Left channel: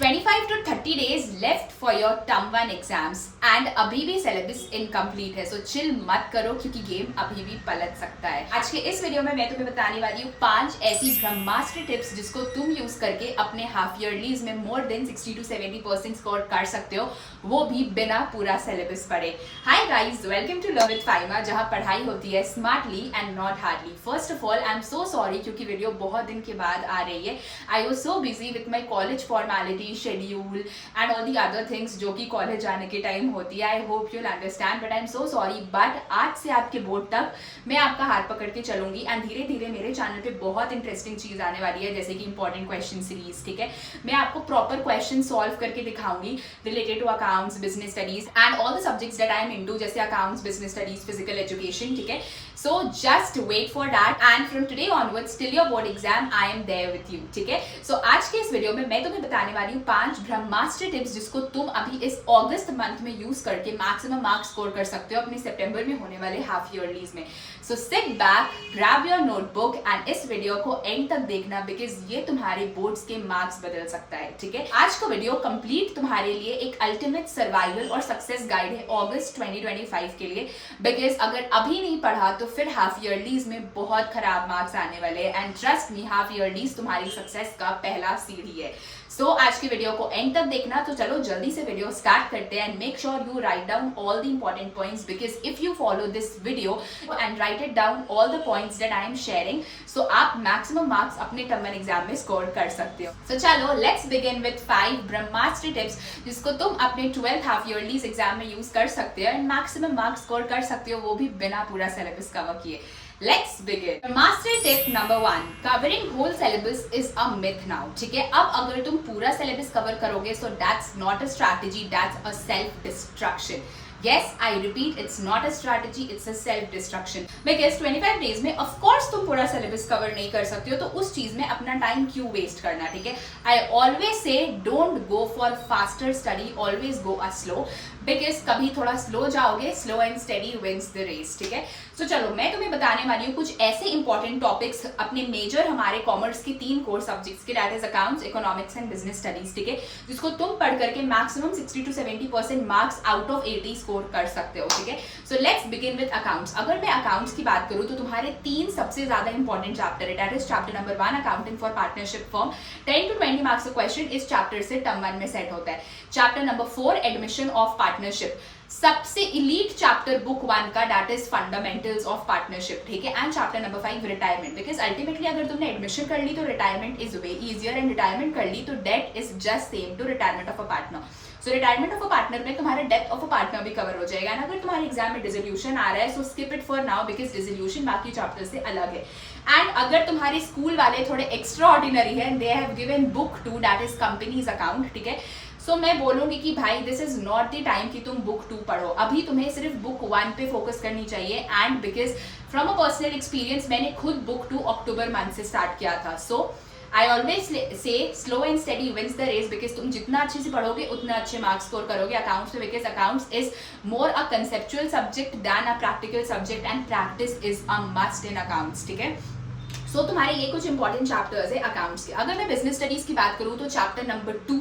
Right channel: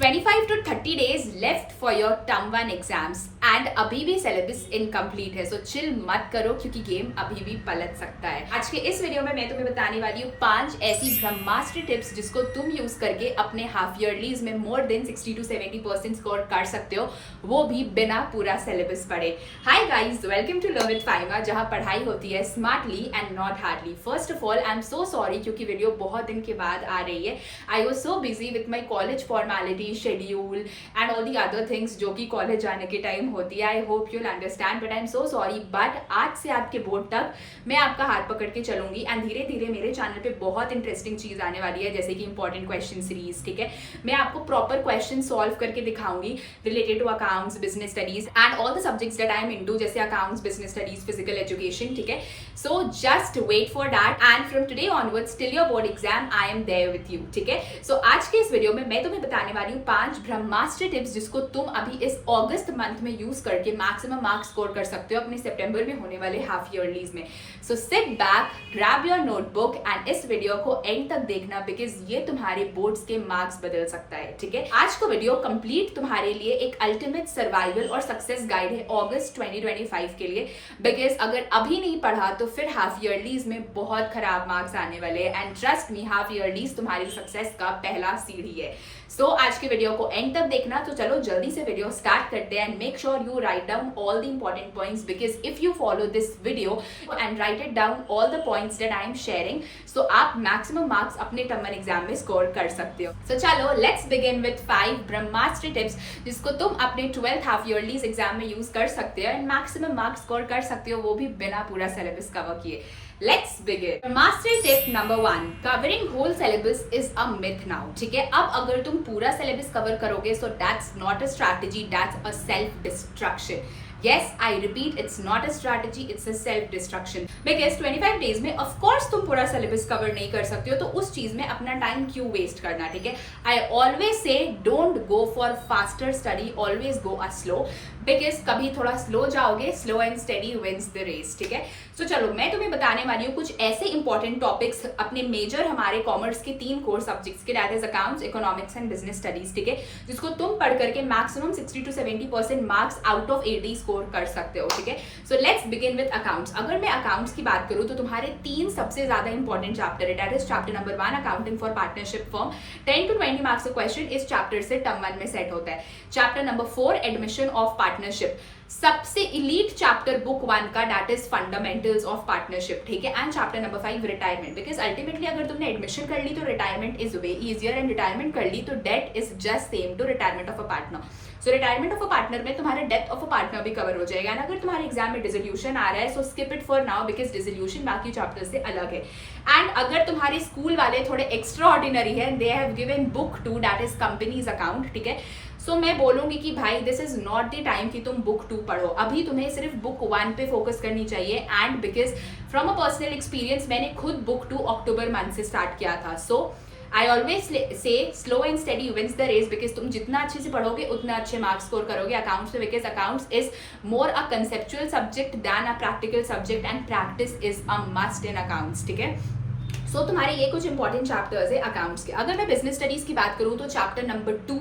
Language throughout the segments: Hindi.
25 to 30 days left for your term 1 exams and अभी भी सिलेबस इनकम्प्लीट है, सो चिल मत करो क्योंकि गेम अभी भी पलट सकता है। आज के इस वीडियो में मैं तुम्हें बताने वाली हूँ 5 ऐसी ब्रह्मास्त्र टिप्स जिसको तुम यूज करके अपने हाफ ईयरलीज में मोर देन 60 to 70% स्कोर कर सकते हो, वो भी बिना पूरा सिलेबस पढ़े। Hi guys, welcome to learn with Faima, जहाँ पढ़ाई होती है smartly and not hardly. First of all I am so sorry क्योंकि वीडियो बहुत दिन के बाद आ रही है। I was so busy with my college formality, schedule and all the other things जो कि कॉलेज जाने के टाइम होती है। I hope you'll understand, but I am so sorry. But आज से आपके बोर्ड तक मैं आपका हाथ पकड़ के चलूंगी एंड धीरे धीरे मेरे चैनल पे बहुत इंटरेस्टिंग चीज आने वाली है, जैसे कि इंपॉर्टेंट क्वेश्चन सीरीज। ठीक है, मैं आपको प्रॉपर क्वेश्चन सॉल्व करके दिखाऊंगी related to accounts, business studies and all the subjects that I am into, जैसे accounts, business studies, physical education. ठीक है, so just wait for that and from today onwards till your board exam I am there with you. ठीक है, सो आज के इस वीडियो में मैं तुम्हें बताने वाली हूँ 5 ब्रह्मास्त्र टिप्स जिसको तुम अभी इस अगस्त मंथ में यूज करके मैक्सिमम मार्क्स स्कोर कर सकते हो अपने सितंबर में होने वाले हाफ ईयरलीज में। So sit back, grab your notebook and इस वीडियो को एंड तक देखना बिकॉज ये तुम्हारे बोर्ड्स के मार्क्स बदल सकता है। ठीक है, आज का वीडियो कंप्लीट तुम्हारे लिए एक अल्टीमेट सर्वाइवल और सक्सेस गाइड है अगस्त 2025 के लिए, बिकॉज अगर अभी नहीं पढ़ा तो फिर हाफ ईयरलीज में बहुत खराब मार्क्स आने वाले हैं एंड ट्रस्ट मी, हाफ ईयरलीज तुम्हारी सक्सेस का पहला सीढ़ी है। सो आज के वीडियो को एंड तक देखना। तो चलो जल्दी से वीडियो स्टार्ट करते हैं and make sure you write down all the important points, because if you follow this video and write it down all the points that I am sharing, so आप मैक्सिमम मार्क्स अपने टर्म वन एग्जाम में स्कोर कर सकते हो। सो चलो लेट्स बिगिन विद 5 ब्रह्मास्त्र टिप्स जिसको तुम अपने 12th हाफ ईयरलीज एग्जाम में यूज कर सकते हो एंड मैक्सिमम मार्क्स स्कोर कर सकते हो, वो भी बिना पूरा सिलेबस कवर किए। Let's begin. Mastery tip number 1. Covering whole syllabus is a myth now. ठीक है, अब अगर तुम पूरा सिलेबस कवर करोगे so that's not a strategy, that's a self destruction. Yes, I repeat, it's not a strategy, it's a self-destruction. Because 25 days में of course तुम पूरा syllabus cover नहीं कर सकते हो, तो उस चीज में अपना टाइम क्यों वेस्ट करना। ठीक है, I always say don't go for faster study, always go a slow. Because कभी थोड़ा स्लो जाओगे, slow and steady wins the race. ठीक है, तो चलो मैं तुम्हें बताने वाली हूँ कुछ ऐसे इंपॉर्टेंट टॉपिक्स अपने मेजर हमारे कॉमर्स के 3 कोर सब्जेक्ट्स के, that is accounts, economics and business studies. ठीक है, जिसको तुम पढ़ करके maximum 60 to 70% marks out of 80 score कर सकते हो। ठीक है, so let's begin with accounts. अगर मैं अकाउंट्स की बात करूँ तो तुम्हारे 3 सबसे ज्यादा इंपॉर्टेंट चैप्टर है, that is chapter number 1 accounting for partnership firm. 10 to 20 marks का क्वेश्चन इस चैप्टर से टर्म 1 में सेट होता है। Chapter number 4 admission of partnership, सबसे इलीट चैप्टर बुक 1 का, that is fundamentals of partnership. ठीक है, and chapter number 5 retirement, because ultimately अगर तुमने एडमिशन कर ली तो retirement is way easier and retirement कर ली तो death is just same to retirement of a partner. So retirement of a partner में तुम्हारा डेथ ऑफ अ पार्टनर भी कवर हो जाएगा। एंड अगर तुम्हारे एग्जाम में डिसोल्यूशन आ रहा है so skip it for now, because dissolution बाकी चैप्टर से अलग है। एंड अगर तुम्हारे स्कूल वाले थोड़े एक्स्ट्रा ऑर्डिनरी है, they have given book 2 that is companies account. ठीक है, सो मैं बोलूंगी कि भाई this is not the time कि तुम बुक 2 पढ़ो, अभी तुम्हें सिर्फ बुक 1 पे फोकस करनी चाहिए। And because from a personal experience मैंने खुद बुक 2 अक्टूबर मंथ से स्टार्ट किया था। So I always say slow and steady wins the race, because तुम जितना अच्छे से पढ़ोगे उतना अच्छे मार्क्स स्कोर करोगे अकाउंट्स में, because accounts is more a conceptual subject than a practical subject and practice is a must in accounts. ठीक है, सो तुम्हारे ये कुछ इंपॉर्टेंट चैप्टर्स है अकाउंट्स के। अगर मैं बिजनेस स्टडीज की बात करूं तो chapter number 2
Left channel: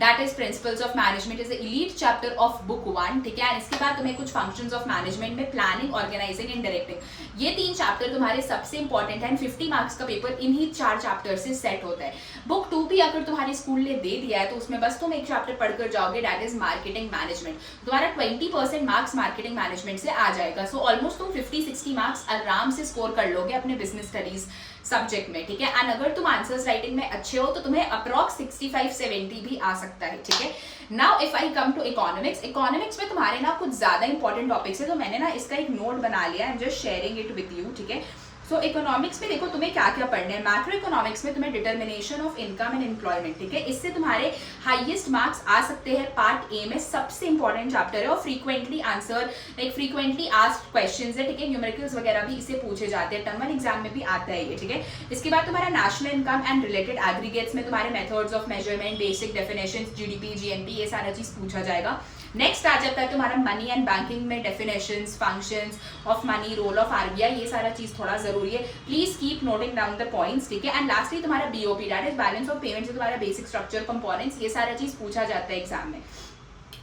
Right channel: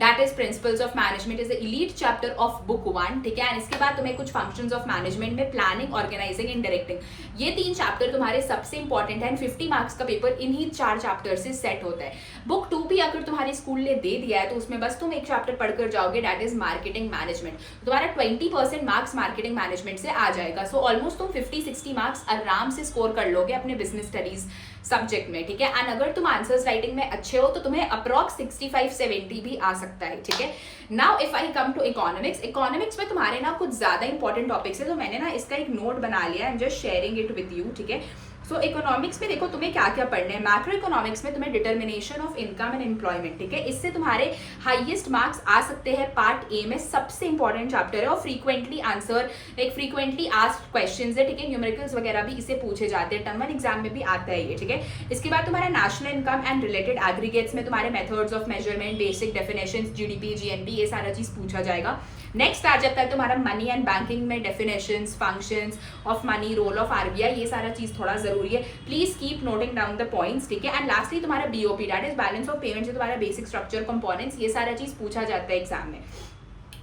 that is principles of management is the elite chapter of book 1। ठीक है, एंड इसके बाद तुम्हें कुछ फंक्शंस ऑफ मैनेजमेंट में प्लानिंग, ऑर्गेनाइजिंग एंड डायरेक्टिंग, ये 3 चैप्टर तुम्हारे सबसे इंपॉर्टेंट है एंड 50 मार्क्स का पेपर इन्हीं 4 चैप्टर से सेट होता है। बुक 2 भी अगर तुम्हारे स्कूल ने दे दिया है तो उसमें बस तुम एक चैप्टर पढ़कर जाओगे, दैट इज मार्केटिंग मैनेजमेंट। तुम्हारा 20% मार्क्स मार्केटिंग मैनेजमेंट से आ जाएगा। सो ऑलमोस्ट तुम 50-60 मार्क्स आराम से स्कोर कर लोगे अपने बिजनेस स्टडीज सब्जेक्ट में। ठीक है, एंड अगर तुम आंसर्स राइटिंग में अच्छे हो तो तुम्हें अप्रॉक्स 65-70 भी आ सकता है। ठीक है, now if I come to economics, economics में तुम्हारे ना कुछ ज्यादा इंपॉर्टेंट टॉपिक्स है, तो मैंने ना इसका एक नोट बना लिया, I am just sharing it with you. ठीक है, सो इकोनॉमिक्स में देखो तुम्हें क्या क्या पढ़ना है। मैक्रो इकोनॉमिक्स में तुम्हें determination of income and employment, ठीक है, इससे तुम्हारे हाईएस्ट मार्क्स आ सकते हैं। पार्ट ए में सबसे इंपॉर्टेंट चैप्टर है और frequently answer like frequently asked questions है। ठीक है, न्यूमेरिकल्स वगैरह भी इसे पूछे जाते हैं, टर्म 1 एग्जाम में भी आता है ये। ठीक है, इसके बाद तुम्हारा national income and related aggregates में तुम्हारे methods of measurement, basic definitions, GDP, GNP, ये सारा चीज पूछा जाएगा। नेक्स्ट आ जाता है तुम्हारा मनी एंड बैंकिंग में definitions, functions of money, role of RBI, ये सारा चीज थोड़ा जरूरी है, please keep noting down the points. ठीक है, एंड लास्टली तुम्हारा BOP that is balance of payment से तुम्हारा बेसिक स्ट्रक्चर कंपोनेंट्स, ये सारा चीज पूछा जाता है एग्जाम में।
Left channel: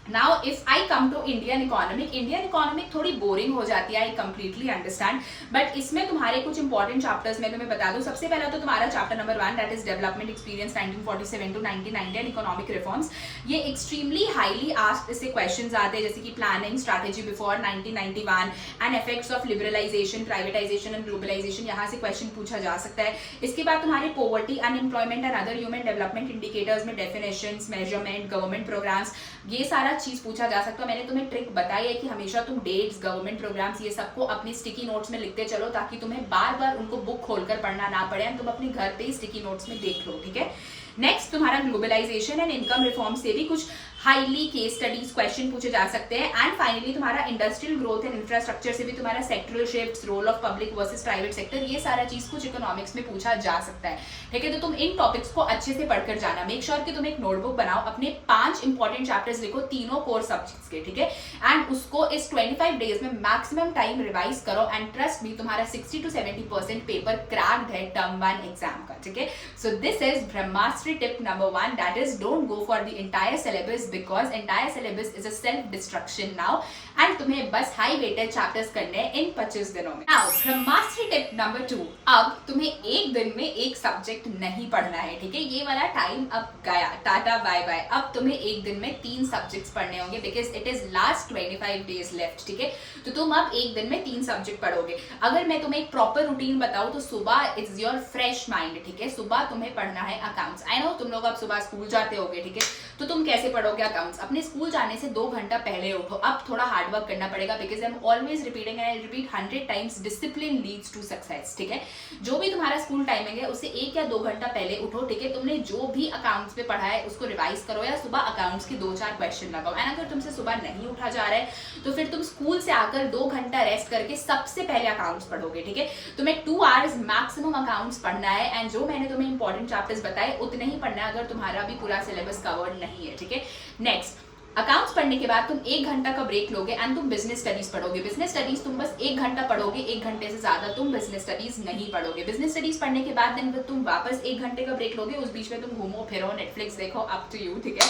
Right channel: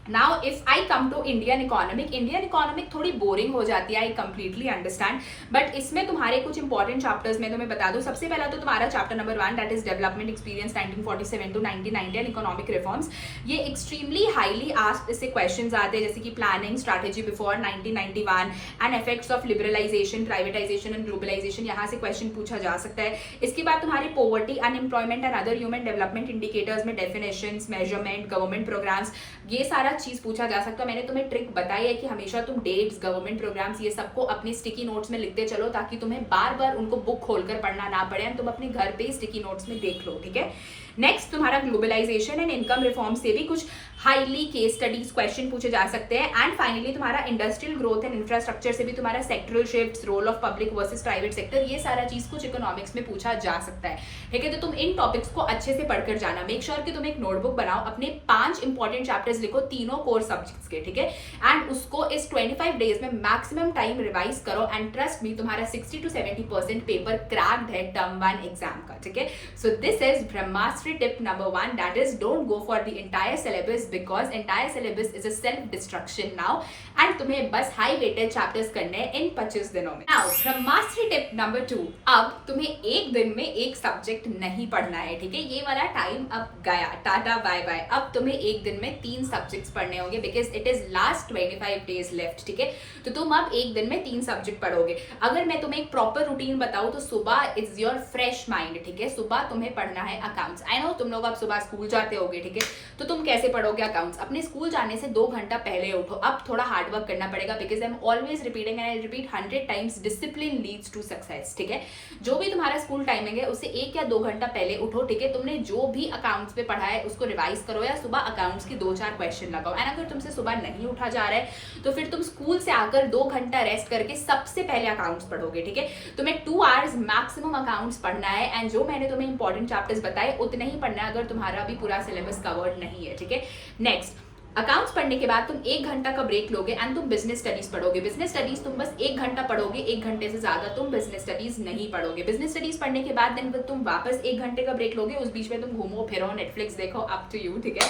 Now if I come to Indian economic थोड़ी बोरिंग हो जाती है, आई कंप्लीटली अंडरस्टैंड, बट इसमें तुम्हारे कुछ इंपॉर्टेंट चैप्टर्स मैं तुम्हें बता दूं। सबसे पहला तो तुम्हारा chapter number 1 that is development experience 1947 to 1990 and economic reforms. ये एक्सट्रीमली हाईली आस्क्ड इससे क्वेश्चंस आते हैं, जैसे कि planning strategy before 1991 and effects of liberalisation, privatisation and globalisation, यहाँ से क्वेश्चन पूछा जा सकता है। इसके बाद तुम्हारी poverty, unemployment and other human development indicators में डेफिनेशंस, मेजरमेंट, गवर्नमेंट प्रोग्राम्स, ये सारा चीज पूछा जा सकता है। मैंने तुम्हें ट्रिक बताई है कि हमेशा तुम डेट्स, गवर्नमेंट प्रोग्राम्स, ये सबको अपने स्टिकी नोट्स में लिखते चलो, ताकि तुम्हें बार बार उनको बुक खोलकर पढ़ना ना पड़े, तुम अपने घर पे स्टिकी नोट्स में देख लो, ठीक है। नेक्स्ट तुम्हारा ग्लोबलाइजेशन एंड इनकम रिफॉर्म से भी कुछ हाईली केस स्टडीज क्वेश्चन पूछे जा सकते हैं। एंड फाइनली तुम्हारा इंडस्ट्रियल ग्रोथ एंड इंफ्रास्ट्रक्चर से भी तुम्हारा sectoral shifts, role of public versus private sector, ये सारा चीज कुछ इकोनॉमिक्स में पूछा जा सकता है, ठीक है। तो तुम इन टॉपिक्स को अच्छे से पढ़कर जाना। मेक श्योर कि तुम एक नोटबुक बनाओ, अपने 5 इंपॉर्टेंट चैप्टर्स लिखो, तीनों कोर सब्जेक्ट्स के, ठीक है। एंड उसको इस 25 डेज में मैक्सिमम टाइम रिवाइज करो एंड ट्रस्ट मी, तुम्हारा 60 to 70% पेपर क्रैक्ड है टर्म 1 एग्जाम का, ठीक है। So this is Brahmastra tip number 1, that is don't go for the entire syllabus because entire syllabus is a self destruction now, and तुम्हें बस हाई वेटेड चैप्टर्स करने हैं इन 25 दिनों में। नाउ ब्रह्मास्त्र टिप नंबर 2, अब तुम्हें एक दिन में एक सब्जेक्ट नहीं पढ़ना है, ठीक है। ये वाला टाइम अब गया, टाटा बाय बाय। अब तुम्हें एक दिन में 3 सब्जेक्ट्स पढ़ने होंगे because it is last 25 days left, ठीक है। तो तुम अब एक दिन में 3 सब्जेक्ट पढ़ोगे। अगर मैं तुम्हें एक प्रॉपर रूटीन बताऊं तो सुबह इट्स योर फ्रेश माइंड, ठीक है। सुबह तुम्हें पढ़ना है अकाउंट्स। आई नो तुम लोग अब सुबह स्कूल जाते होगे, ठीक है। तो तुम कैसे पढ़ोगे अकाउंट्स? अपने स्कूल जाने से 2 घंटा पहले उठो। अब थोड़ा हार्ड वर्क करना पड़ेगा because I am always repeating and I repeat 100 times, discipline leads to success, ठीक है। जो भी तुम्हारा स्कूल टाइमिंग है उससे 1 या 2 घंटा पहले उठो, ठीक है। तुमने जो भी अकाउंट्स पे पढ़ा है उसको रिवाइज करो या सुबह अकाउंट्स के 2-4 क्वेश्चन लगाओ। एंड अगर तुमसे सुबह नहीं उठा जा रहा है तो फिर तुम स्कूल से आकर 2 घंटा रेस्ट करके सबसे पहले अकाउंट्स पढ़ोगे, ठीक है। तुम्हें 2 आवर्स मैक्सिमम अकाउंट्स पढ़ना है एंड जो मैंने तुम्हें इंपॉर्टेंट चैप्टर्स बताए उतने ही पढ़ना है अगर तुम्हारा भी पूरा सिलेबस कवर्ड नहीं है, ठीक है। नेक्स्ट, अकाउंट्स पढ़ने के बाद तुम 1 घंटा का ब्रेक लोगे एंड तुम बिजनेस स्टडीज पढ़ोगे। बिजनेस स्टडीज तुम बस 1 घंटा पढ़ोगे, 1 घंटे से ज्यादा तुम बिजनेस स्टडीज नहीं पढ़ोगे। बिजनेस स्टडीज पढ़ने के बाद दिन तुम वापस 1 घंटे का ब्रेक लोगे, उस बीच में तुम घूमो फिरो, नेटफ्लिक्स देखो, अप टू यू, ठीक है।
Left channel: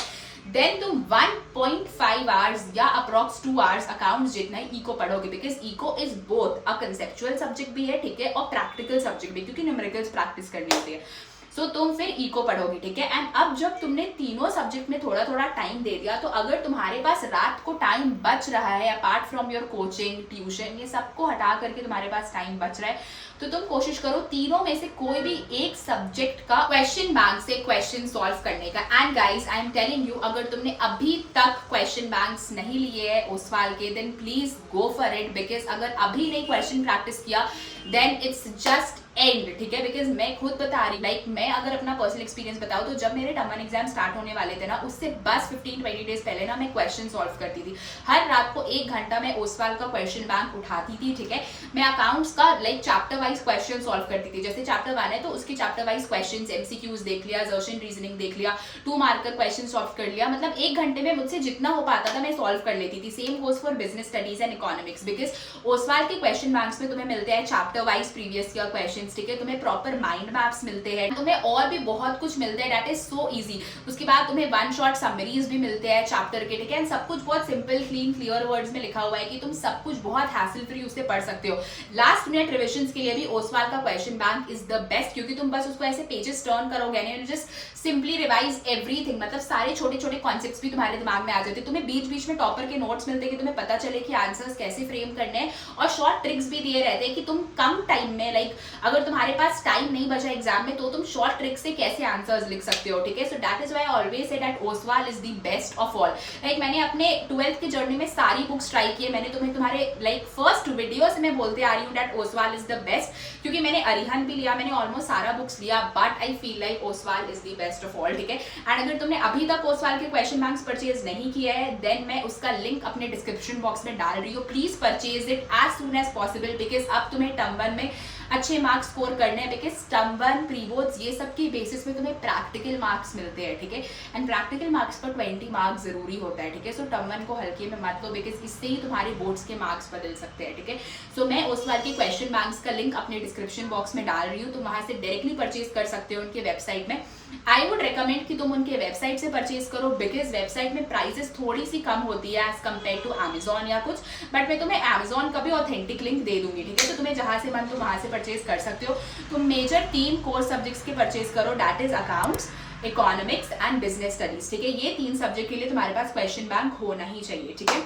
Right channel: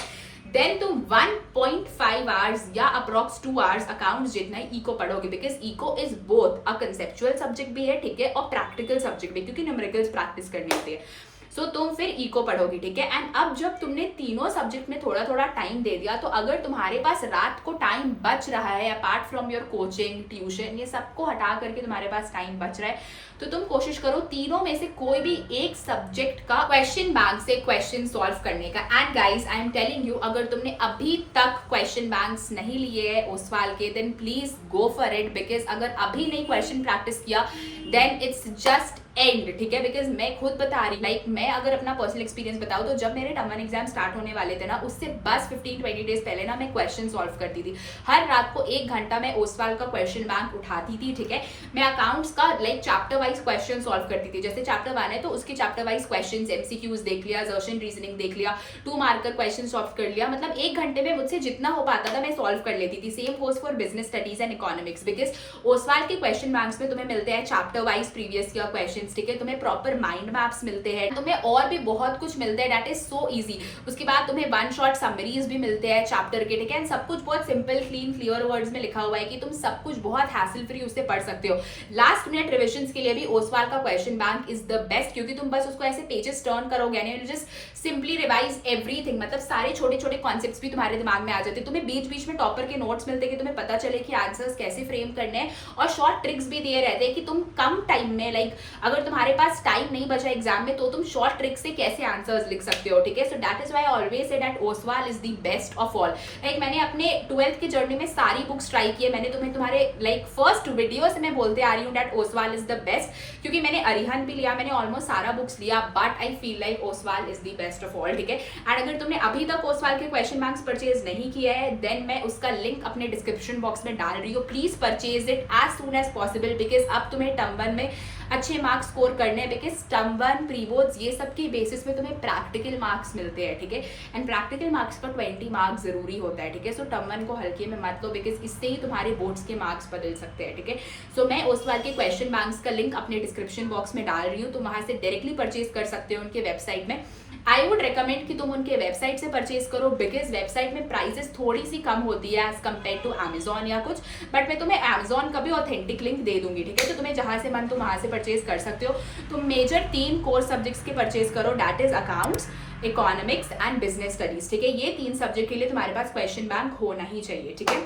देन तुम 1.5 आवर्स या अप्रॉक्स 2 आवर्स अकाउंट्स जितना ही इको पढ़ोगे because eco is both a conceptual subject भी है, ठीक है, और प्रैक्टिकल सब्जेक्ट भी, क्योंकि न्यूमेरिकल्स प्रैक्टिस करनी होती है। सो तुम फिर इको पढ़ोगे, ठीक है। एंड अब जब तुमने तीनों सब्जेक्ट में थोड़ा थोड़ा टाइम दे दिया तो अगर तुम्हारे पास रात को टाइम बच रहा है, apart from your coaching, tuition, ये सबको हटा करके तुम्हारे पास टाइम बच रहा है, तो तुम कोशिश करो तीनों में से कोई भी एक सब्जेक्ट का क्वेश्चन बैंक से क्वेश्चन सॉल्व करने का। And guys I am telling you, अगर तुमने अभी तक क्वेश्चन बैंक्स नहीं लिए है ओसवाल के, then please go for it because अगर अभी नहीं क्वेश्चन प्रैक्टिस किया देन इट्स जस्ट एंड, ठीक है। बिकॉज मैं खुद बता रही, लाइक मैं अगर अपना पर्सनल एक्सपीरियंस बताऊं तो जब मेरे टर्म 1 एग्जाम स्टार्ट होने वाले थे ना, उससे बस 15-20 डेज पहले ना मैं क्वेश्चन सॉल्व करती थी। हर रात को 1 घंटा मैं ओसवाल का क्वेश्चन बैंक उठाती थी, ठीक है। मैं अकाउंट्स का like chapter wise question solve करती थी। जैसे चैप्टर 1 है तो उसके चैप्टर वाइज क्वेश्चन, एमसीक्यूज देख लिया, असर्शन रीजनिंग देख लिया, 2 मार्कर क्वेश्चन सॉल्व कर लिया, मतलब 1 घंटे में मुझसे जितना हो पाता था मैं सॉल्व कर लेती थी। Same goes for business studies and economics because Oswal के क्वेश्चन बैंक्स में तुम्हें मिलते हैं chapter wise previous year question, ठीक है। तुम्हें प्रॉपर माइंड मैप्स मिलते हैं, तुम्हें और भी बहुत कुछ मिलते हैं, दैट इज सो इजी। उसके बाद तुम्हें 1 शॉट समरीज भी मिलते हैं चैप्टर के, ठीक है। सब कुछ बहुत सिंपल, क्लीन, क्लियर वर्ड्स में लिखा हुआ है कि तुम सब कुछ बहुत हैसल फ्री उससे पढ़ सकते हो। लास्ट मिनट रिविजन के लिए भी ओसवाल का question bank is the best, क्योंकि तुम बस उसको ऐसे पेजेस टर्न करोगे and you just simply revise everything, मतलब सारे छोटे छोटे कॉन्सेप्ट्स भी तुम्हारे दिमाग में आ जाते हैं। तुम्हें बीच बीच में टॉपर के नोट्स मिलते हैं कि तुम्हें पता चले कि आंसर्स कैसे फ्रेम करने हैं, और शॉर्ट ट्रिक्स भी दिए रहते हैं कि तुम कम टाइम में, लाइक अगर तुम्हारे पास टाइम नहीं बचा एग्जाम में तो तुम शॉर्ट ट्रिक से कैसे आंसर्स लिख सकते हो, ठीक है। So that is why I always say that Oswal is the best of all. Like मैंने अपने 12th की जर्नी में सारी बुक्स ट्राई की है। मैंने तुम्हें तुम्हारे लाइक फर्स्ट वीडियो से मैं बोलते आ रही हूँ that Oswal is the best, क्योंकि मैंने अरिहंत भी लिया, मैंने ऑलमोस्ट सारा बुक्स लिया, but I feel like Oswal is the best of all, ठीक है। एंड अगर तुमने अभी तक ओसवाल के क्वेश्चन बैंक्स परचेज नहीं किया है देन मैं उसका लिंक अपने डिस्क्रिप्शन बॉक्स में डाल रही हूँ। Please purchase it as soon as possible because अब तुम्हें टर्म 1 में अच्छे मार्क्स स्कोर करने हैं, बिकॉज टर्म 1 प्री बोर्ड्स ये सब के बेसिस में तुम्हें प्रैक्टिकल मार्क्स मिलते हैं, ठीक है। एंड प्रैक्टिकल मार्क्स पर 20 मार्क्स जरूरी होता है, ठीक है। सो टर्म 1 को हल्के में मत लो, बिकॉज इससे ही तुम्हारे बोर्ड्स के मार्क्स बदल सकते हैं, ठीक है। सो मैं ओसवाल के क्वेश्चन बैंक्स का लिंक अपने डिस्क्रिप्शन बॉक्स में डाल रही हूँ, तुम वहां से डायरेक्टली परचेज कर सकते हो उनके वेबसाइट में। आई वुड रिकमेंड कि तुम उनके वेबसाइट से परचेज करो, बिकॉज वेबसाइट में प्राइसेस थोड़ी सी कम होती है एज कम्पेयर टू Amazon या कुछ, बट मैं तुम्हें Amazon का भी ऑथेंटिक लिंक दे दूंगी, ठीक है। तो तुम्हें जहां से मन तुम वहां से परचेज कर सकते हो। तुम मेजर 3 कोर सब्जेक्ट्स के परचेज करो, that is accounts, economics and business studies, ठीक है। ये 3 सब्जेक्ट के लिए तुम्हारे पास क्वेश्चन बैंक होना ही चाहिए, ठीक है।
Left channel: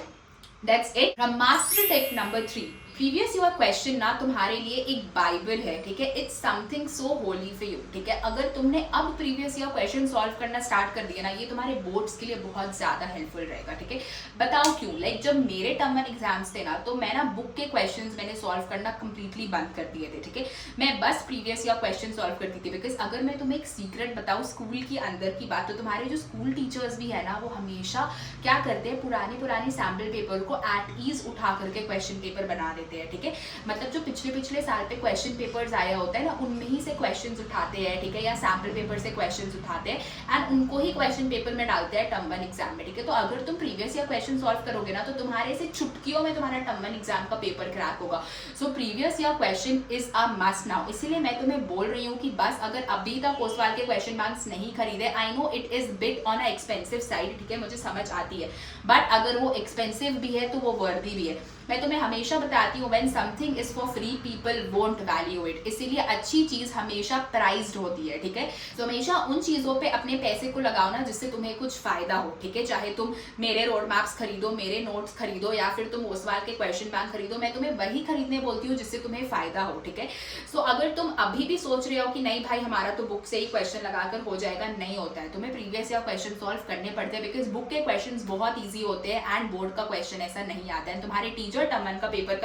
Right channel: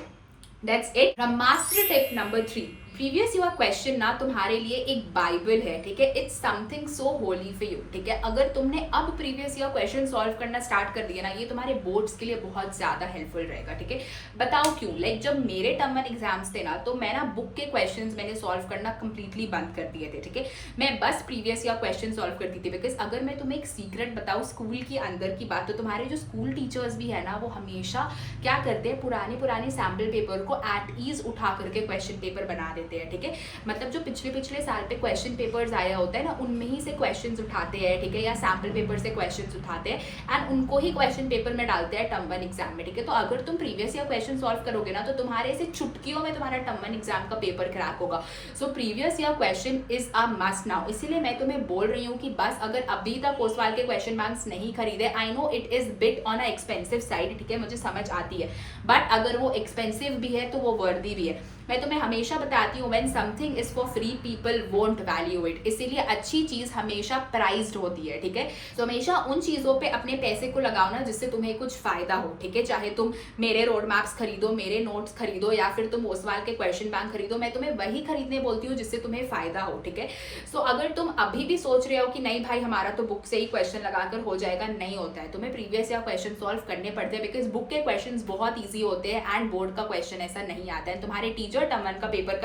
That's it. Brahmastra tip number 3, previous year question ना तुम्हारे लिए एक बाइबल है, ठीक है। It's something so Holi for you, ठीक है। अगर तुमने अब प्रीवियस ईयर क्वेश्चन सॉल्व करना स्टार्ट कर दिया ना, ये तुम्हारे बोर्ड्स के लिए बहुत ज्यादा हेल्पफुल रहेगा, ठीक है। बताओ क्यों? लाइक जब मेरे टर्म 1 एग्जाम्स थे ना, तो मैं ना बुक के क्वेश्चंस मैंने सॉल्व करना कंप्लीटली बंद कर दिए थे, ठीक है। मैं बस प्रीवियस ईयर क्वेश्चन सॉल्व करती थी, बिकॉज अगर मैं तुम्हें एक सीक्रेट बताऊँ स्कूल के अंदर की बात, तो तुम्हारे जो स्कूल टीचर्स भी है ना, वो हमेशा क्या करते हैं, पुरानी सैम्पल पेपर को एट ईज उठा करके क्वेश्चन पेपर बना देते हैं, ठीक है। मतलब जो पिछले साल पे क्वेश्चन पेपर्स आया होता है ना, उनमें ही से क्वेश्चंस उठाते हैं, ठीक है, या सैम्पल पेपर से क्वेश्चंस उठाते हैं एंड उनको ही क्वेश्चन पेपर में डालते हैं टर्म 1 एग्जाम में, ठीक है। तो अगर तुम प्रीवियस ईयर क्वेश्चन सॉल्व करोगे ना, तो तुम्हारे से चुटकियों में तुम्हारा टर्म 1 एग्जाम का पेपर क्रैक होगा। So previous year question is a must now. इसीलिए मैं तुम्हें बोल रही हूँ कि बस अगर अभी तक ओसवाल के क्वेश्चन बैंक्स नहीं खरीदे, I know it is bit on a expensive side, ठीक है, मुझे समझ आती है, बट अगर वो एक्सपेंसिव भी है तो वो वर्दी भी है। मैं तुम्हें हमेशा बताती हूँ, when something is for free people won't value it. इसीलिए अच्छी चीज हमेशा प्राइज्ड होती है, ठीक है। तो हमेशा उन चीजों पे अपने पैसे को लगाओ ना जिससे तुम्हें कुछ फायदा हो, ठीक है। चाहे तुम मेरे रोड मैप्स खरीदो, मेरे नोट्स खरीदो, या फिर तुम ओसवाल के क्वेश्चन बैंक खरीदो, मैं तुम्हें वही खरीदने बोलती हूँ जिससे तुम्हें फायदा हो, ठीक है। सो अगर तुम अभी भी सोच रहे हो कि नहीं भाई हमारा तो बुक से ही क्वेश्चन लगाकर हो जाएगा, नहीं होता है, तुम्हें प्रीवियस ईयर क्वेश्चन सॉल्व करने पड़ते हैं, बिकॉज बुक के क्वेश्चन बहुत ईजी होते हैं एंड बोर्ड का क्वेश्चन ऐसा नहीं आता है। तुम्हारे टीचर टर्म 1 का पेपर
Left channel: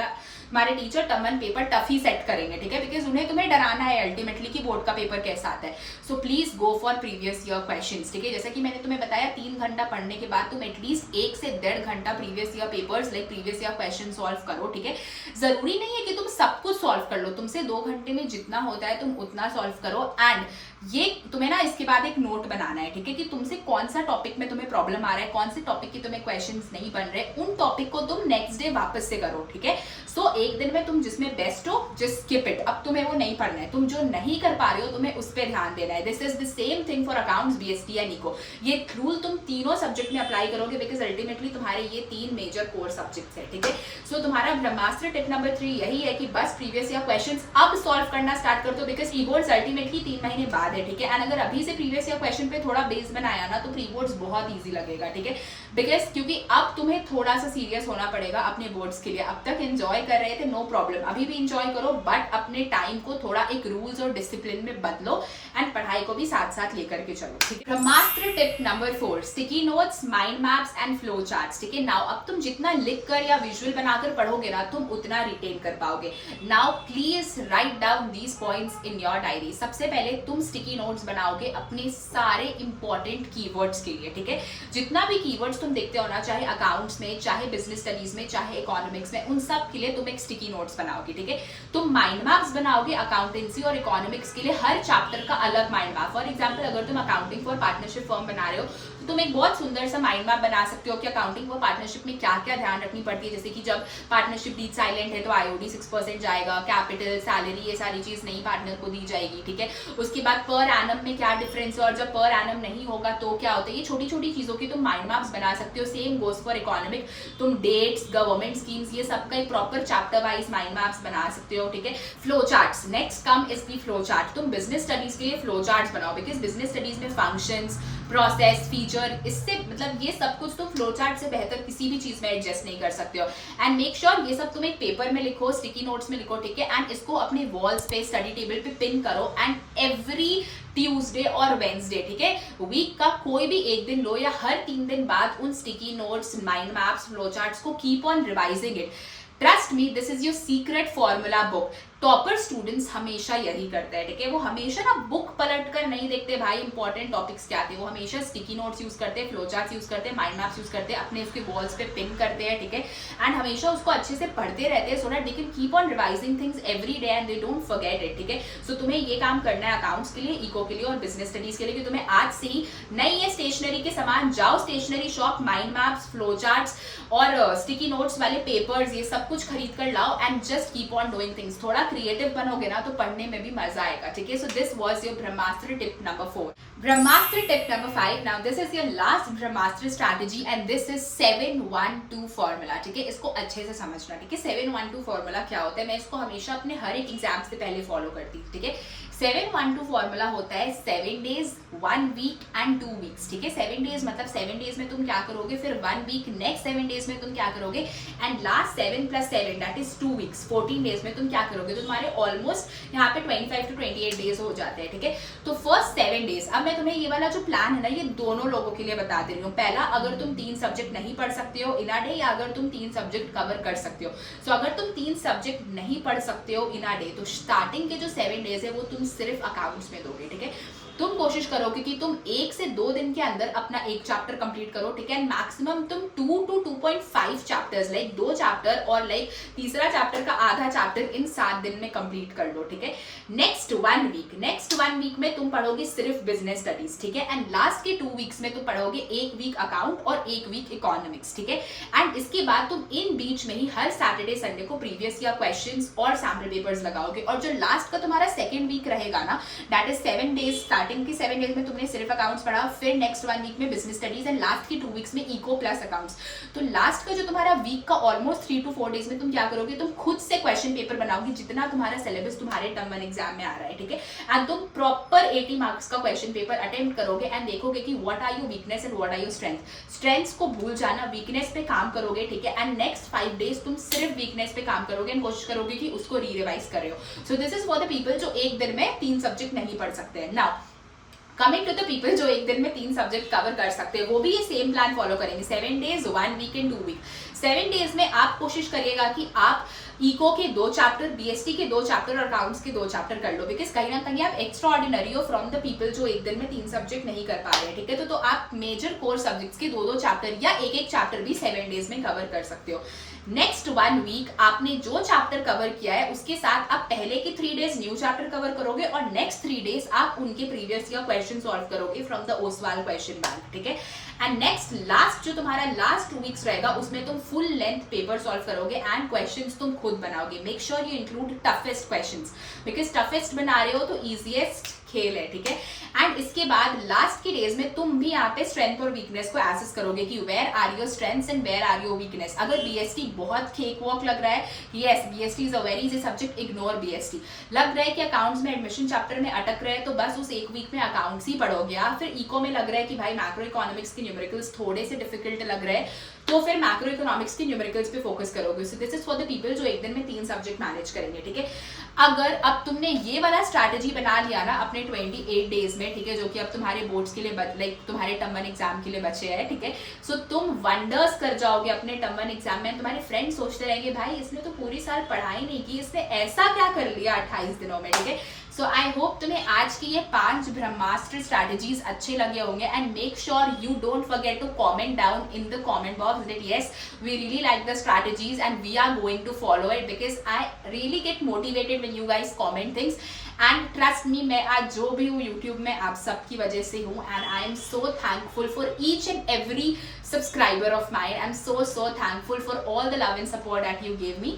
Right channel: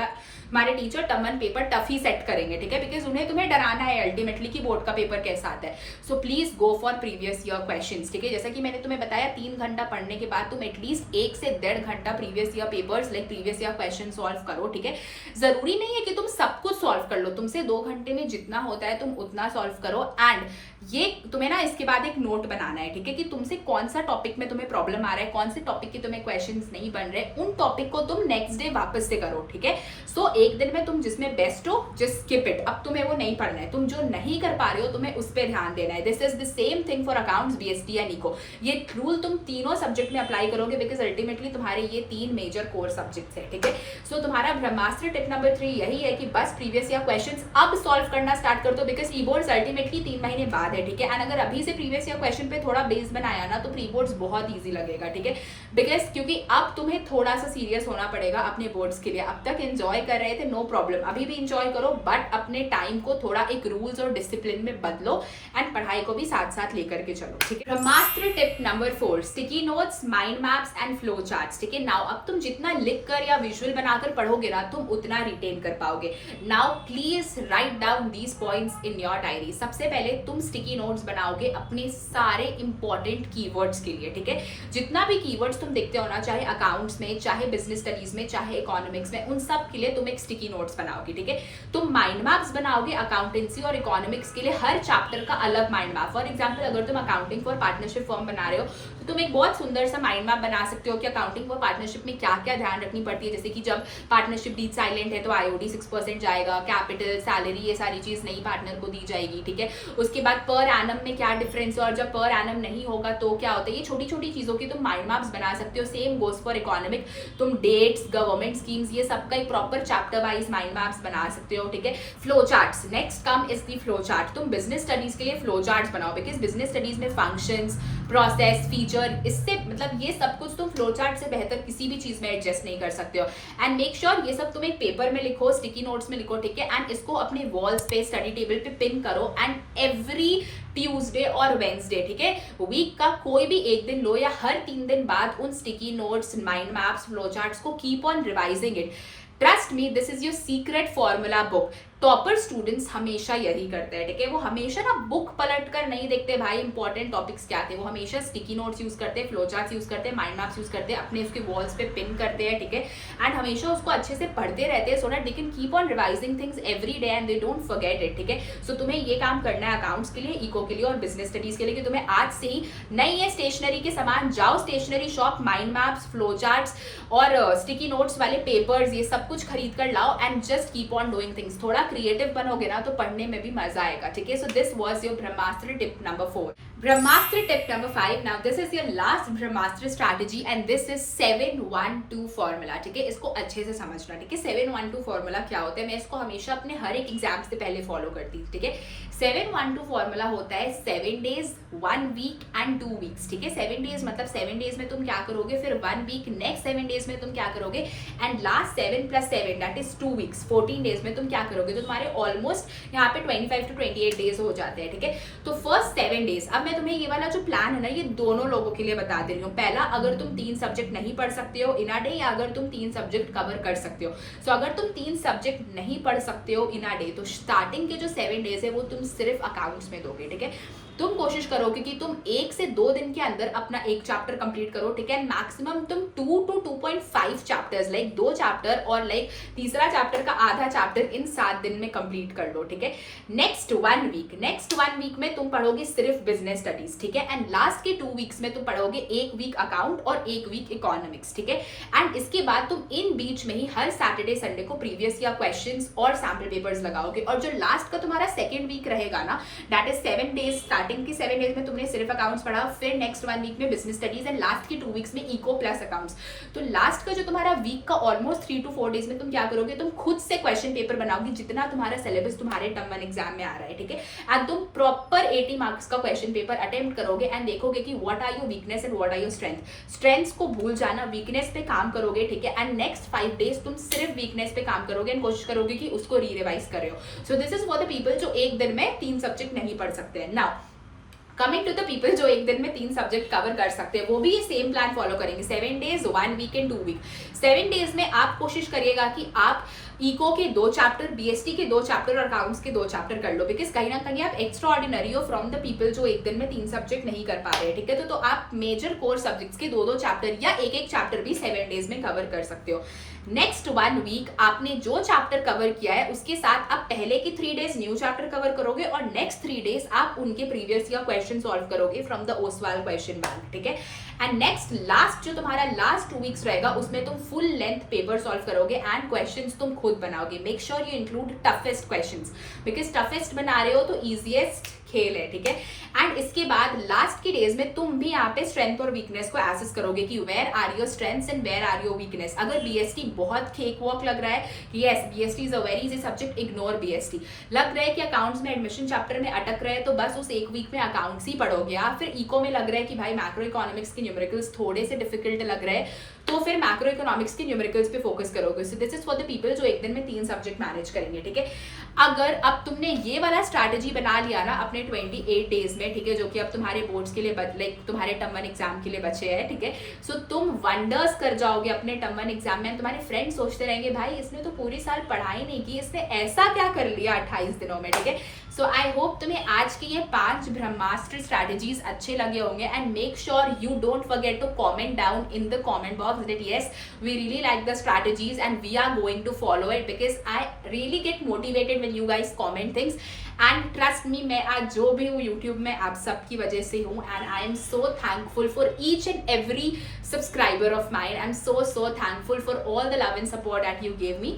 हमारे टीचर टर्म 1 पेपर टफ ही सेट करेंगे, ठीक है, बिकॉज उन्हें तुम्हें डराना है अल्टीमेटली कि बोर्ड का पेपर कैसा आता है। So please go for previous year questions, ठीक है। जैसा कि मैंने तुम्हें बताया 3 घंटा पढ़ने के बाद तुम एटलीस्ट 1 से 1.5 घंटा previous year papers like previous year question solve करो, ठीक है। जरूरी नहीं है कि तुम सब कुछ सॉल्व कर लो, तुमसे 2 घंटे में जितना होता है तुम उतना सॉल्व करो। एंड ये तुम्हें ना इसके बाद एक नोट बनाना है, ठीक है, कि तुमसे कौन सा टॉपिक में तुम्हें प्रॉब्लम आ रहा है, कौन से टॉपिक की तुम्हें क्वेश्चंस नहीं बन रहे, उन टॉपिक को तुम नेक्स्ट डे वापस से करो, ठीक है। सो एक दिन में तुम जिसमें बेस्ट हो जस्ट स्किप इट, अब तुम्हें वो नहीं पढ़ना है। तुम जो नहीं कर पा रहे हो तुम्हें उस पर ध्यान देना है। This is the same thing for accounts, BST and eco. ये रूल तुम तीनों सब्जेक्ट में अप्लाई करोगे, बिकॉज अल्टीमेटली तुम्हारे ये 3 मेजर कोर सब्जेक्ट्स है, ठीक है। सो तुम्हारा ब्रह्मास्त्र टिप नंबर 3 यही है कि बस प्रीवियस ईयर क्वेश्चंस अब सॉल्व करना स्टार्ट कर दो, बिकॉज प्री बोर्ड्स अल्टीमेटली 3 महीने बाद है, ठीक है। एंड अगर अभी से प्रीवियस ईयर क्वेश्चन पे थोड़ा बेस बनाया ना, तो प्री बोर्ड्स बहुत ईजी लगेगा, ठीक है, बिकॉज क्योंकि अब तुम्हें थोड़ा सा सीरियस होना पड़ेगा अपने बोर्ड्स के लिए। अब तक एंजॉय कर रहे थे, नो प्रॉब्लम, अभी भी इंजॉय करो, बट अपने टाइम को थोड़ा एक रूल्स और डिसिप्लिन में बदलो एंड पढ़ाई को भी साथ साथ लेकर के चलो, ठीक है। ब्रह्मास्त्र tip number 4, sticky notes, mind maps and flow charts, ठीक है। नाउ अब तुम जितना लिख कर या विजुअल बनाकर पढ़ोगे ना, तुम उतना रिटेन कर पाओगे। Now please write down these points in your diary. सबसे पहले तुम स्टिकी नोट्स बनाओगे अपने सारे इंपॉर्टेंट कीवर्ड्स के लिए, ठीक है। जितना भी कीवर्ड्स तुम देखते हो ना, चाहे अकाउंट्स में, चाहे बिजनेस स्टडीज में, चाहे इकोनॉमिक्स में, उन सब के लिए तुम एक स्टिकी नोट्स बनाओगे, ठीक है। तुम माइंड मैप्स बनाओगे अकाउंटेंसी और इकोनॉमिक्स के लिए, हर चैप्टर का अलग माइंड मैप। फॉर एग्जांपल अगर तुम अकाउंटिंग फॉर पार्टनरशिप फर्म बना रहे हो, तो तुम एक बहुत सुंदर सा माइंड मैप बना सकते हो कि अकाउंटिंग फॉर पार्टनरशिप में क्या क्या ध्यान रखनी पड़ती है। जैसे कि जब पार्टनरशिप डीड साइलेंट है तो आईओडी 6% जाएगा, कैपिटल, सैलरी, ये सारी चीज नई पार्टनर को दी जाएगी, ठीक है। उसके बाद पर एनम में क्या डिफरेंस है, और जब पर एनम नहीं होगा तो क्या होता है। ये छोटी छोटी चीजों की तुम माइंड मैप्स बना सकते हो। सेम गोज फॉर इकोनॉमिक, तुम डेट्स, गवर्नमेंट स्कीम्स, ये सब का एक proper chapter wise mind maps बना सकते हो, ठीक है। Flow charts, next come is the flow chart. तुम बिजनेस स्टडीज के लिए फ्लो चार्ट्स बनाओ, बिकॉज बिजनेस स्टडीज में फंक्शंस, प्रोसेस, फीचर, इससे मतलब ये सब कुछ तुम फ्लो चार्ट से बेहतर किसी भी चीज में एडजस्ट नहीं कर सकते हो। एंड मेक श्योर ये सब तुम एक पेपर में लिखो, स्टिकी नोट्स में लिखो, ठीक है। एंड इसको अपने वॉल्स पे, स्टडी टेबल पे पिन करो। एंड एवरी ट्यूसडे और वेंसडे, ठीक है, वीक का कोई भी एक दिन लो या हर 3 दिन बाद उन sticky notes, mind maps, flow charts को keep on revising it. Trust me, this is your secret formula book. Topper students हमेशा यही करते हैं, ठीक है। वो हमेशा ना बुक पलट कर नहीं देखते भाई इंपॉर्टेंट टॉपिक्स क्या थे, वो हमेशा स्टिकी नोट्स यूज करते हैं, फ्लो चार्ट्स यूज करते हैं, माइंड मैप्स यूज करते हैं, अपने उसके वॉल्स पे पिन करते हैं, ठीक है। एंड हमेशा उसको अच्छे से पढ़ते रहते हैं, so that they can keep on revising things every day and they don't forget it, ठीक है। सो तुम्हें ये काम करना है अकाउंट्स के लिए, इको के लिए और बिजनेस स्टडीज के लिए, कि तुम्हें आज से ही नई है स्टेशनरी के सामान, जाओ stationery shop, mind maps, flow charts और स्टिकी नोट्स वाले पेपर्स, ये सब कुछ खरीद कर लाओ and just keep on doing things. थोड़ा क्रिएटिव बनोगे ना तो पढ़ने में भी मजा आएगा, ठीक है। So this was your Brahmastra tip number 4. Brahmastra tip number 5. Now this is your last Brahmastra strategy and this is 7-1-2 formula, ठीक है। इसको अच्छे से समझना, ठीक है। 7-1-2 फॉर्मूला क्या होता है, मैं इसको हमेशा अपने हर एक एग्जाम से पहले फॉलो करती हूँ, ठीक है। 7-1-2 फॉर्मूला होता है 7 days, 1 week एंड 2 weeks, ठीक है। 7 days मतलब 7 days में तुम क्या करोगे, फिर 1 week, नेक्स्ट 7 days में तुम क्या करोगे, and last 7 + 7 that is 2 weeks, 14 days में तुम क्या करोगे। तो तुम्हारे ऑलमोस्ट यहाँ पे 25 to 28 days हो जाते हैं, ठीक है। तो फर्स्ट 7 days, अब मैं तुम्हें ये वाला जो प्लान है ना, ये दोनों लोगों के लिए बता दे रही हूँ। पहला, अगर तुम 3 सब्जेक्ट नहीं पढ़ सकते हो इन अ डे, या अगर तुम 3 सब्जेक्ट कवर कर सकते हो। सो अगर तुम 3 सब्जेक्ट नहीं पढ़ सकते हो इन अ डे, तो स्टार्टिंग के जो 7 days है वो तुम सिर्फ अकाउंट्स में दोगे, ठीक है। तुम कोशिश करोगे कि तुम 1 से 2 दिन के अंदर अपना एक चैप्टर कंप्लीट करो, ठीक है। मैक्सिमम तुम 2 to 2.5 चैप्टर्स, लाइक 2 चैप्टर और लाइक तीसरा चैप्टर का आधा चैप्टर इन 7 दिन में कंप्लीट कर लो, ठीक है। नेक्स्ट 1 वीक में तुम पढ़ोगे सिर्फ बिजनेस स्टडीज, ठीक है। एंड लास्ट के 2 वीक्स में तुम पढ़ोगे 1 वीक अकाउंट और 1 वीक इकोनॉमिक्स, ठीक है। एंड इसके बाद तुम इन बीच में ही हर सैटरडे संडे को प्रीवियस ईयर क्वेश्चंस और सैम्पल पेपर्स लगाओगे। और जो लास्ट का तुम्हारा सेकेंड वीक रहेगा ना, दैट इज 7 days, स्टार्टिंग के 7 days में तुमने सिर्फ अकाउंट्स पढ़ा, फिर नेक्स्ट 1 वीक में बिजनेस स्टडीज एंड लास्ट के 2 वीक्स में इको प्लस अकाउंट्स। तो लास्ट का जो तुम्हारा वीक का ऑलमोस्ट 3 to 4 days में तुम क्या करोगे, तुम खुद से क्वेश्चन पेपर बनाओगे जितना तुम्हारा सिलेबस तुम्हारे टर्म 1 एग्जाम में आ रहा है, ठीक है। एंड तुम प्रॉपर 80 मार्क्स का क्वेश्चन पेपर अटेम्प्ट करोगे एंड देखोगे कि what are your weakness and what are your strengths को भूल जाना, वीकनेस पे काम करोगे, ठीक है। एंड नेक्स्ट 5 days तुम सिर्फ वीकनेस पे काम करोगे एंड कोशिश करोगे कि उसको री-रिवाइज कर रहे हो। So this is for the people जो एक दिन में 3 सब्जेक्ट नहीं पढ़ सकते हैं। Now coming to the people जो एक दिन में 3 सब्जेक्ट कवर कर सकते हैं, वो भी ये सेम प्लान फॉलो करेंगे, 7 days, 1 week and 2 week। 7 days में आप कोशिश करिएगा कि आप इको के 2 चैप्टर, बीएसटी के 2 चैप्टर और अकाउंट्स के 2 चैप्टर कर लो, बिकॉज कहीं ना कहीं आप एक्स्ट्रा ऑर्डिनरी हो फ्रॉम द पीपल जो एक दिन में 3 सब्जेक्ट नहीं कर पा रहे हैं, ठीक है। तो आप मेजर कोर सब्जेक्ट्स के 2-2 चैप्टर या एक चैप्टर भी 7 days में कवर कर सकते हो। नेक्स्ट 1 week आपने जो चैप्टर कवर किया है उसके साथ आप पहले के 3 days न्यू चैप्टर कवर करोगे और नेक्स्ट 3 days आप उनके प्रीवियस ईयर क्वेश्चन सॉल्व करोगे from the Oswal question bank, ठीक है। एंड नेक्स्ट लास्ट जो तुम्हारा लास्ट 2 weeks रहेगा उसमें तुम फुल लेंथ पेपर सॉल्व करोगे एंड क्वेश्चंस तुम खुद बनाओगे। Make sure you include toughest questions, because toughest बना रहे हो तो इजीएस्ट खेल है, ठीक है। एंड इसके बाद लास्ट के डेज में तुम भी यहाँ पे स्ट्रेंथ और वीकनेस को एसेस करोगे कि where are your strengths and where are your weakness. अगर बीएसटी बहुत केक वॉक लग रहा है कि yes BST is a very easy subject, ignore BST. लग रहा है कि अकाउंट्स में एडमिशन चैप्टर में अटक रहे हैं तो बस उस 1 week में अकाउंट्स ही पढ़ोगे। या फिर इको में लग रहा है कि भाई मैक्रो इकोनॉमिक्स के न्यूमेरिकल्स थोड़े से डिफिकल्ट लग रहे हैं तो फिर मैक्रो इकोनॉमिक्स के न्यूमेरिकल्स पे फोकस करोगे। So this is for the people जो एक दिन में 3 सब्जेक्ट मैनेज करेंगे, ठीक है। अगर अब तुमने ये वाला स्ट्रैटेजी बना लिया ना अपने 28 days में, ठीक है, जो कि अब तुम्हारे बोर्ड्स के लिए लाइक तुम्हारे टर्म 1 एग्जाम के लिए बचे हैं, ठीक है। सो तुम वंडर्स कर जाओगे अपने टर्म 1 एग्जाम में। तुम्हारे फ्रेंड्स सोचते रहेंगे भाई इसने तो पूरी साल पढ़ाई नहीं की, इसने ऐसा क्या कर लिया 28 दिनों में, ठीक है। सो आई होप तुम्हें आज के ये 5 ब्रह्मास्त्र स्ट्रैटेजीज अच्छे लगे होंगे and make sure you don't forget to comment down in the comment box that yes we really like the strategies and we are going to follow it, because I really get motivated when you guys comment things and trust me, मैं आज जो भी हूँ यूट्यूब में आप सबकी वजह से हूँ and I am so thankful for each and every subscriber of mine. I am so thankful for all the love and support that you gave me.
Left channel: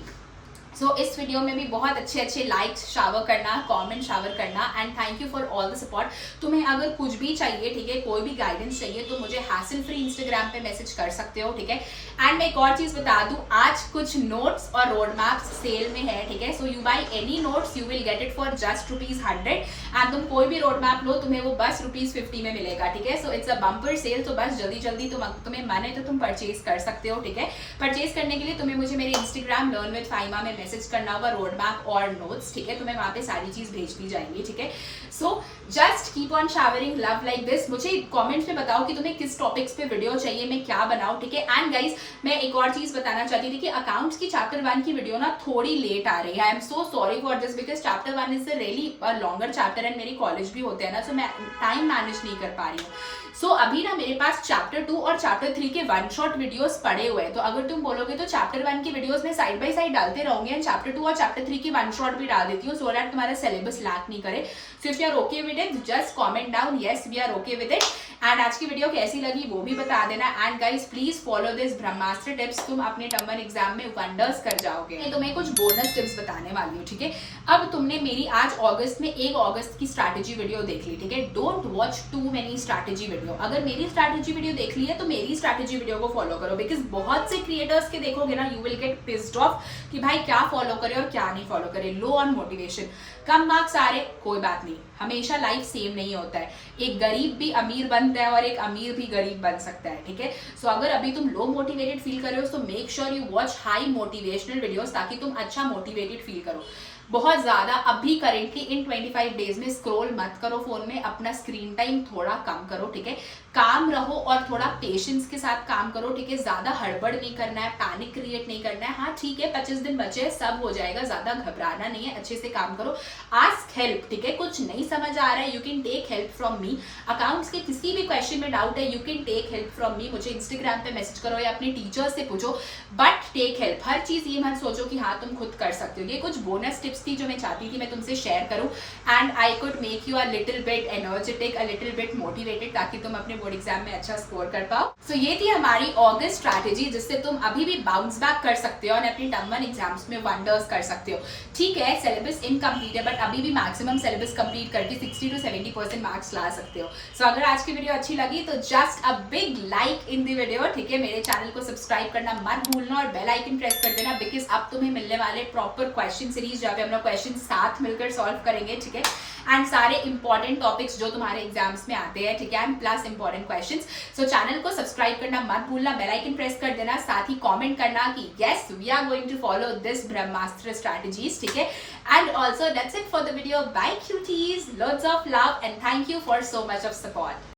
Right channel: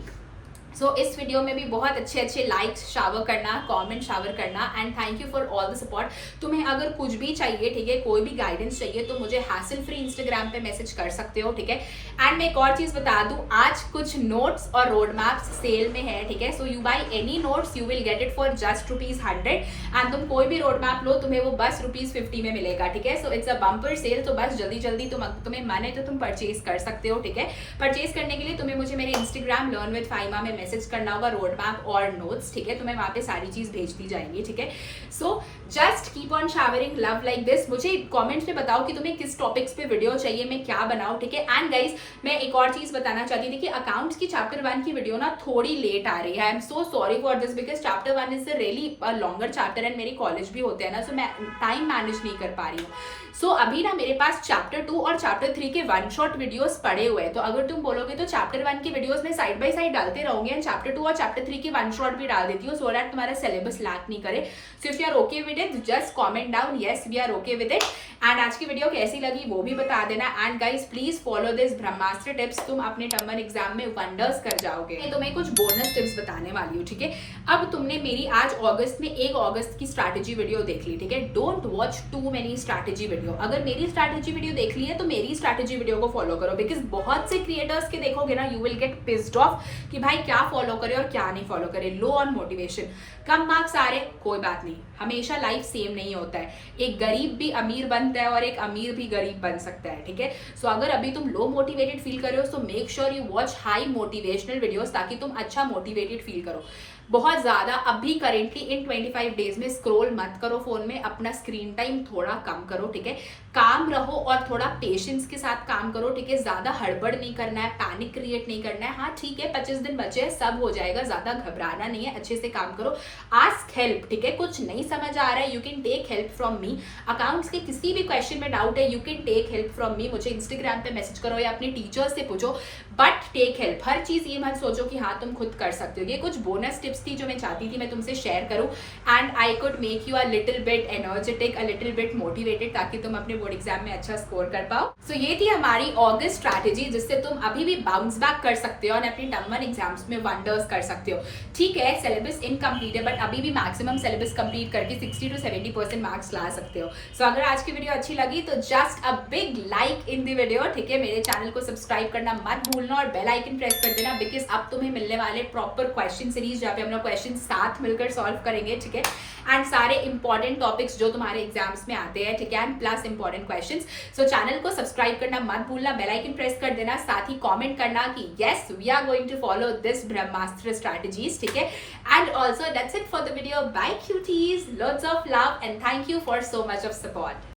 So इस वीडियो में भी बहुत अच्छे लाइक्स शावर करना, कमेंट शावर करना and thank you for all the support. तुम्हें अगर कुछ भी चाहिए, ठीक है, कोई भी गाइडेंस चाहिए तो मुझे हैसल फ्री इंस्टाग्राम पे मैसेज कर सकते हो, ठीक है। एंड मैं एक और चीज बता दूं, आज कुछ नोट्स और रोड मैप्स सेल में है, ठीक है। So you by any notes you will get it for just ₹100 and तुम कोई भी रोड मैप लो तुम्हें वो बस ₹50 में मिलेगा, ठीक है। So it's a bumper cell, तो बस जल्दी तुम्हें मन है तो तुम परचेज कर सकते हो, ठीक है। परचेज करने के लिए तुम्हें मुझे मेरे इंस्टाग्राम लर्न विद फाइमा में मैसेज करना होगा, रोड मैप और नोट्स, ठीक है, तुम्हें वहां पे सारी चीज भेज दी जाएंगी, ठीक है। So just keep on showering love like this. मुझे कमेंट्स में बताओ कि तुम्हें किस टॉपिक्स पे वीडियो चाहिए, मैं क्या बनाऊं, ठीक है। एंड गाइस मैं एक और चीज बताना चाहती थी कि अकाउंट्स की चैप्टर 1 की वीडियो ना थोड़ी लेट आ रही है। आई am so sorry for this because chapter 1 is a really longer chapter and मेरे कॉलेज भी होते हैं ना, सो मैं टाइम मैनेज नहीं कर पा रही हूँ। सो अभी ना मेरे पास चैप्टर 2 और चैप्टर 3 के वन शॉट वीडियोस पड़े हुए हैं, तो अगर तुम बोलोगे तो चैप्टर 1 की वीडियोस में साइड बाय साइड डालते रहूंगे एंड चैप्टर 2 और चैप्टर 3 की वन शॉट भी डाल देती हूँ, सो दैट तुम्हारा सिलेबस लैक नहीं करे। So if you are okay with it just comment down yes we are okay with it. And आज की वीडियो कैसी लगी वो भी बता देना। And guys please follow this ब्रह्मास्त्र टिप्स, तुम अपने टर्म 1 एग्जाम में वंडर्स कर जाओगे। मैं तुम्हें कुछ बोनस टिप्स बताने वाली हूँ, ठीक है। अब तुमने मेरी आज अगस्त में 1 अगस्त की स्ट्रैटेजी वीडियो देख ली, ठीक है। Don't watch too many strategy video. अगर मेरी स्ट्रैटेजी वीडियो देख ली है तो मेरी स्ट्रैटेजी वीडियो को फॉलो करो, बिकॉज बहुत से क्रिएटर्स के देखोगे ना you will get pissed off कि भाई क्या फॉलो करे और क्या नहीं फॉलो करे। लो ऑन मोटिवेशन, कम मार्क्स आ रहे कोई बात नहीं, हमेशा लाइफ सेम नहीं होता है। एक गरीब भी अमीर बनता है और एक अमीर भी गरीब बन सकता है, ठीक है। सो अगर अभी तुम लो मोटिवेटेड फील कर रहे हो तो make sure you watch high motivational videos ताकि तुम अच्छा मोटिवेटेड फील करो। बहुत ज्यादा अभी करेंटली इन 25 डेज में स्क्रॉल मत करो फोन में, अपना स्क्रीन टाइम थोड़ा कम करो, ठीक है। काम रहो और थोड़ा पेशेंस के साथ काम करो, ठीक है। ज्यादा हड़बड़ नहीं करना है, पैनिक क्रिएट नहीं करना है। हाँ ठीक है 25 दिन बचे हैं, सब हो जाएगा, ज्यादा घबराना नहीं है, अच्छे से काम करो। आस्क हेल्प, ठीक है। कुछ नहीं समझ आ रहा है you can take help from me. Accounts के किसी भी क्वेश्चन में डाउट है you can take help from me. मुझे इंस्टाग्राम पे मैसेज करो या अपने टीचर से पूछो, बट टेक हेल्प। हर चीज ये मत सोचो कि हाँ तुम खुद कर सकते हो। ये कुछ बोनस टिप्स थी जो मैं चाहती थी मैं तुमसे शेयर करूं and I could make you a little bit energetic, a little bit motivated, ताकि तुम अपने बोर्ड एग्जाम में अच्छा स्कोर कर पाओ। सो ये थी हमारी अगस्त स्ट्रैटेजी जिससे तुम अभी भी बाउंस बैक कर सकते हो और अपनी टर्म 1 एग्जाम्स में वंडर्स कर सकते हो, ठीक है। सिलेबस इनकम्प्लीट है बट अभी भी मैक्सिमम सिलेबस कंप्लीट करके 60 to 70% मार्क्स ला सकते हो। सो अगर आज की वीडियो अच्छी लगी तो just a big like in the video, ठीक है। मेरे चैनल को सब्सक्राइब करना मत भूलना और बेल आइकन प्रेस कर देना, बिकॉज अब तुम्हें मिलने वाले प्रॉपर क्वेश्चन सीरीज जहाँ पे हम लोग क्वेश्चन साथ मिलकर सॉल्व करेंगे, ठीक है। एंड सारे इंपॉर्टेंट टॉपिक्स जो तुम्हारे एग्जाम्स में आते हैं, ठीक है, and plus important questions. So channel को सब्सक्राइब करना मत भूलना, बेल आइकन प्रेस कर देना, साथ ही कमेंट करना कि yes we are going to follow this ब्रह्मास्त्र स्ट्रैटेजीज, ठीक है। And also that's it for the video. Bye cuties, lots of love and thank you for so much of support.